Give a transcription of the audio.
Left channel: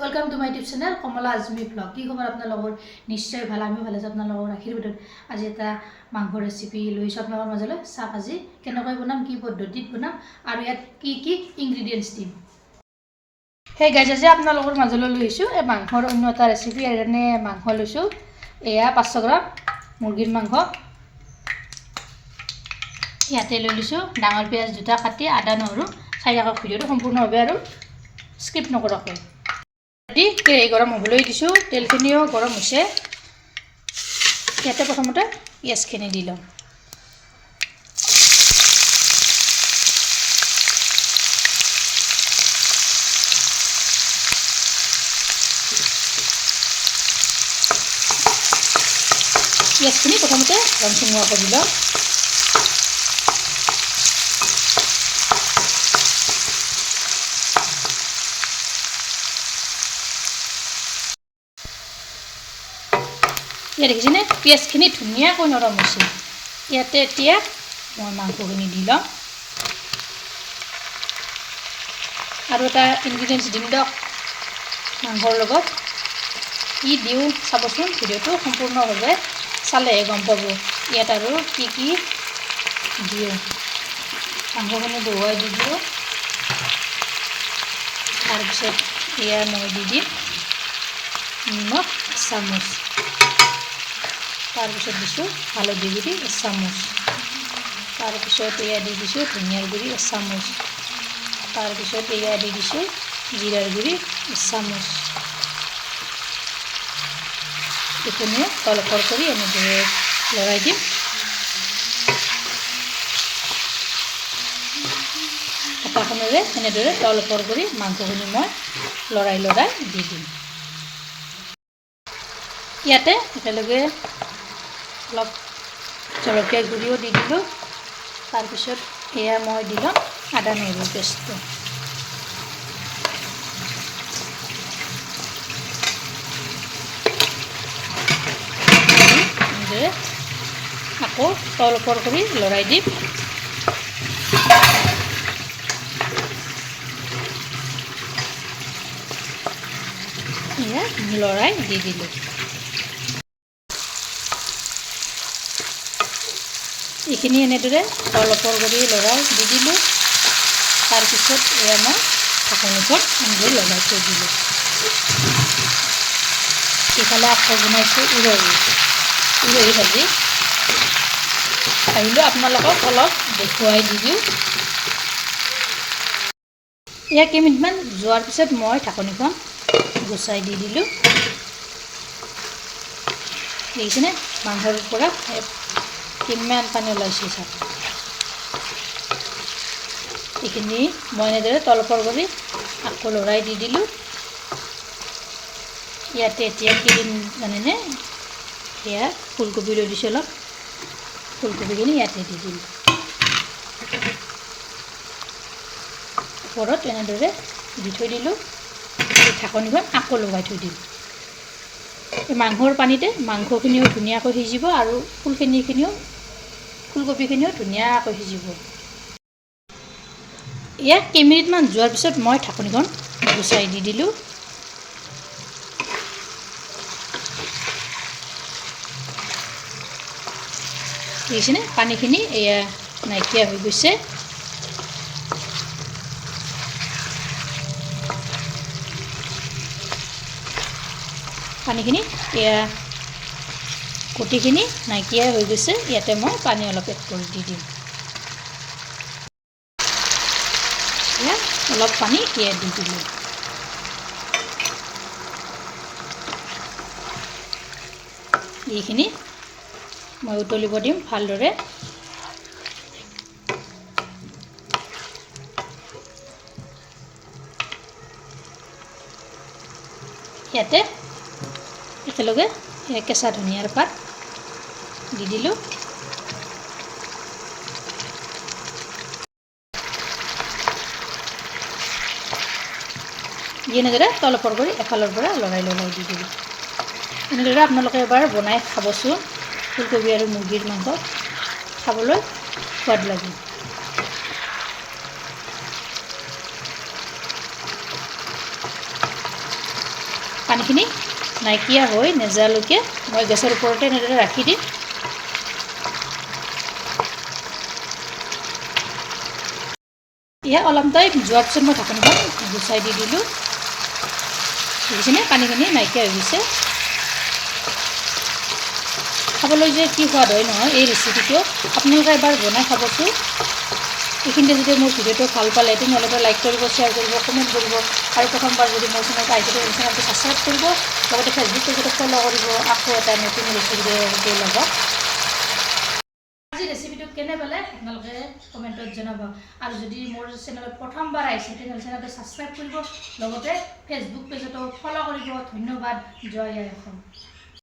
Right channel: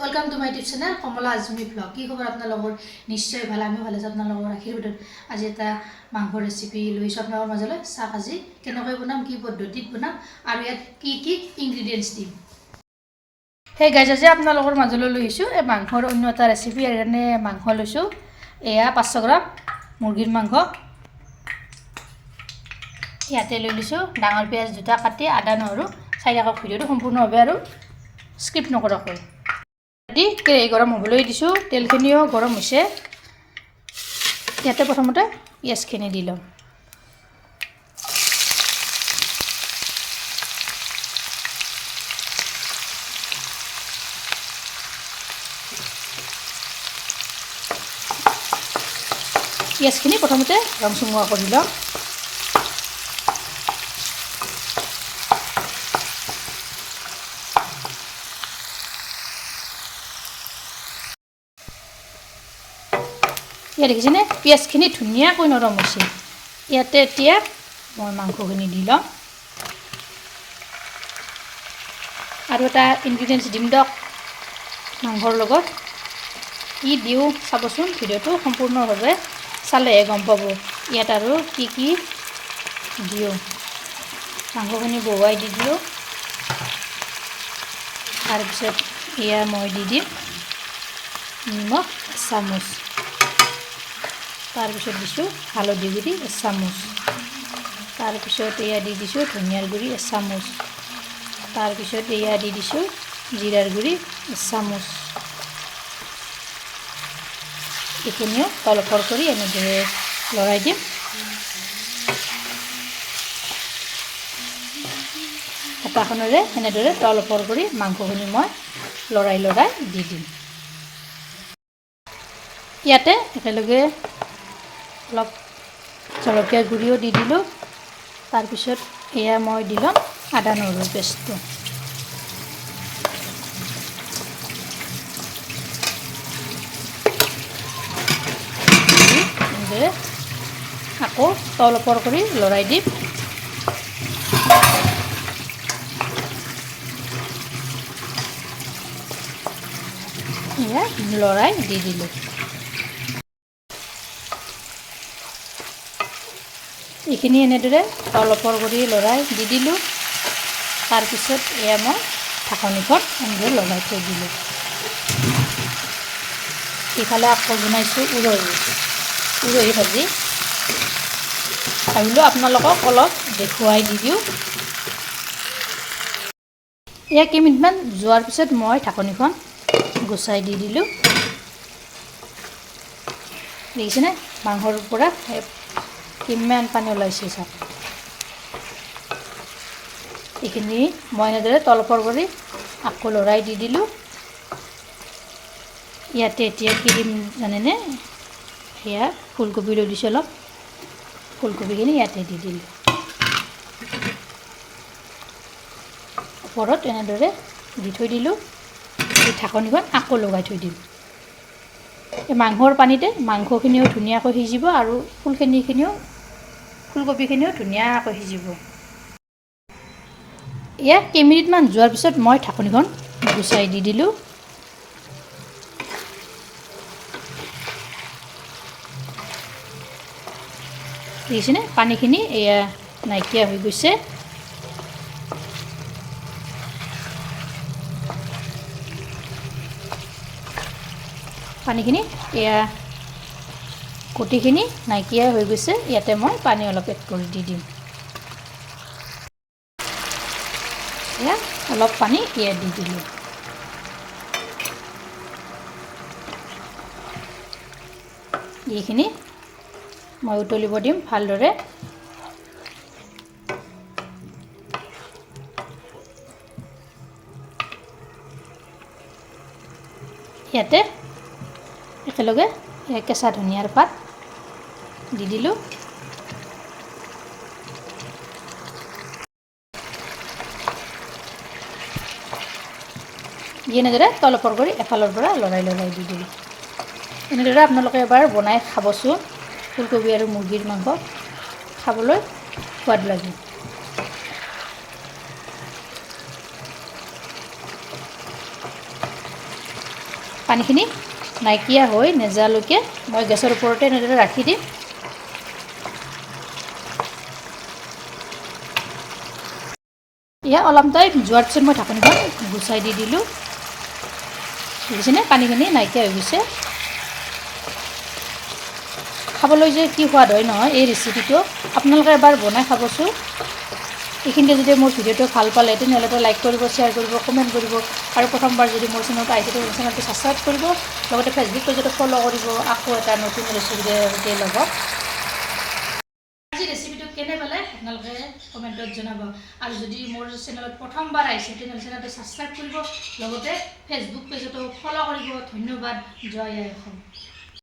Welcome to my YouTube channel Kamala Azmi blog. কি খবৰ আপোনালোকৰ? নিশ্চয় ভাল, আমিও ভালে আছোঁ। আপোনালোকৰ আশীৰ্বাদত আজি এটা মাংস ৰেচিপি লৈছোঁ আপোনালোকৰ মাজলৈ। চাহ ভাজি কেনেকৈ বনাম, কি পদ্ধতিত বনাম আৰু ইয়াত কি কি ইনগ্ৰিডিয়েণ্টছ দিম। সেই গাইজ আজি আপোনালোকৰ মাজলৈ লৈ আহিছোঁ এই মাংসৰ অন্য এটা ৰেচিপি। কাৰণে মাংস লৈছোঁ, এয়া 500 গ্ৰাম মুৰ্গীৰ মাংস। ইয়াতে লৈ লৈছোঁ ডাঙৰ পিঁয়াজ দুটা কাটি, আদা নহৰু 4 ভিডিঅ'টো সম্পূৰ্ণভাৱে আৰু স্কিপ নকৰাকৈ। কেৰাহী গৰম হ'বলৈ দিছোঁ, তেলখিনিও গৰম হৈছে। ইয়াতে প্ৰথমতে পিঁয়াজখিনি দি লওঁ। পিঁয়াজখিনি প্ৰথমতে ৰং চুঙোৱা কৰি লওঁ। ইয়াত দেখিছেনে পিঁয়াজখিনি ধুনীয়াকৈ নৰম হৈছে। ইয়াতে এতিয়া মই মাংসখিনি দি লওঁ আৰু এটা ইনগ্ৰিডিয়েণ্টছ দিম দিয়ক মাংসৰ লগত। কি দিওঁ চাবচোন, ভিডিঅ'টো সম্পূৰ্ণভাৱে চালেহে গম পাব ইয়াত আৰু কি কি দিওঁ। মাংসখিনি বহুৱাই দি দিওঁ, তাৰপিছত এয়া মই দি দিম নিমখ 1 চামুচ, তাৰপিছত দিছোঁ হালধি গুড়ি 1 চামুচ, তাৰপিছত এয়া দি দিছোঁ ধনিয়াৰ গুড়ি 1 চামুচ, তাৰপিছত এয়া দি দিছোঁ জিৰাৰ গুড়ি 1 চামুচ। এইখিনিও তলফৰ কৰি এনেদৰে লৰাই দিম। হেতাখনেৰে এনেদৰে তলফৰ কৰি মাংসখিনি মই লৰাই দি দিম। ইয়াতে একেলগে অলপ জলকীয়া গুড়িও দি দিলোঁ। তাৰপিছত এয়া মই দি ল'ম আদা নহৰুৰ পেষ্টটো। আকৌ তল ওপৰ কৰি লৰাই দিম। এয়া লৰাই দি দিলোঁ। এইখিনি এনেদৰে তল ওপৰ কৰি লৰাই দি দিলোঁ। তাৰপিছত এয়া মই ঢাকনিখন এনেদৰে লগাই থৈ দিলোঁ। ইফালে আকৌ বনাইছোঁ উৰহি ভাজি। ভাবিলোঁ আপোনালোকক অলপ দেখুৱাই দি দিওঁ। এয়া কেইমিনিটমান যোৱাৰ পিছত মই ঢাকনিখন গুচাই দি দিলোঁ। দেখিছেনে মাংসৰ পৰা কিমান পানী ওলাইছে চাওক। এইখিনি মই এনেদৰে তলফৰ কৰি আকৌ লৰাই দি দিলোঁ। ইয়াতে এতিয়া কি দিম জানেনে? এয়া ফুলকবি লৈ দিছোঁ অলপ, ফুলকবিখিনি ইয়াতে দি দিম। ওপৰত এনেদৰে দি থৈ দিলোঁ। ঢাকনিখন আকৌ লগাই থৈ দিম। এই মাংসৰ পানীতে মাংসখিনিও ধুনীয়াকৈ সিজিব আৰু ফুলকবিখিনিও ধুনীয়াকৈ সিজিব। এয়া কেইমিনিটমান যোৱাৰ পিছত মই ঢাকনিখন গুচাই দি দিলোঁ। দেখিছেনে পানীখিনি এয়া নাইকিয়া হৈ গৈছে। পানীখিনি এয়া গুটিখিনি নাইকিয়া হৈ গৈছে। ইয়াতে মই পানী অলপ এড কৰি দি দিম। এয়া অলপ পানী এয়া দি দিলোঁ। এইখিনি মই উতলিব দিম ভালদৰে। ইয়াতে একেলগে কেঁচা ধনিয়াৰ পাত দি দিলোঁ। এনেদৰে তলফৰ কৰি এফালৰ পৰা লৰাই দি দিলোঁ। এনেদৰে আপোনালোকে এবাৰ বনাই খাবচোন। ফুলকবি আৰু মুৰ্গীৰ মাংস খাবলৈ সোৱাদ লাগে। পানীখিনি নাইকিয়া হৈ নেযালৈকে মই গেছৰ ওপৰতে এনেদৰে ৰাখি দিম। এয়া অলপ টাইম যোৱাৰ পিছত মই ঢাকনিখন গুচাই দি দিলোঁ। দেখিছেনে পানীখিনি নাইকিয়া হৈ গৈছে। খাবলৈ যে কি সোৱাদ হয় নহয় এই ৰেচিপিটো, আপোনালোকে এবাৰ বনাই খাবচোন। এইখিনিতে যদি মোৰ ভিডিঅ'টো ভাল পালে তেনেহ'লে লাইক কৰিব, শ্বেয়াৰ কৰিব, কমেণ্ট কৰিব আৰু প্ৰথমবাৰ যদি মোৰ চেনেলটো আহিছে চেনেলটো ছাবস্ক্ৰাইব কৰিব, লগতে ফেচবুক পেজতো ফ'ল' কৰিব। আকৌ এটা নতুন ৰেচিপিৰ লগত। আজি ৰেচিপিটো কেনে পালে আপোনালোকে কমেণ্টত জনাব। আৰু যদি মোৰ চেনেলত প্ৰথমবাৰ আহিছে তেনেহ'লে চেনেলটো ছাবস্ক্ৰাইব কৰিব, লগতে ফেচবুক পেজতো ফ'ল' কৰিব। ধন্যবাদ। জয় আই অসম।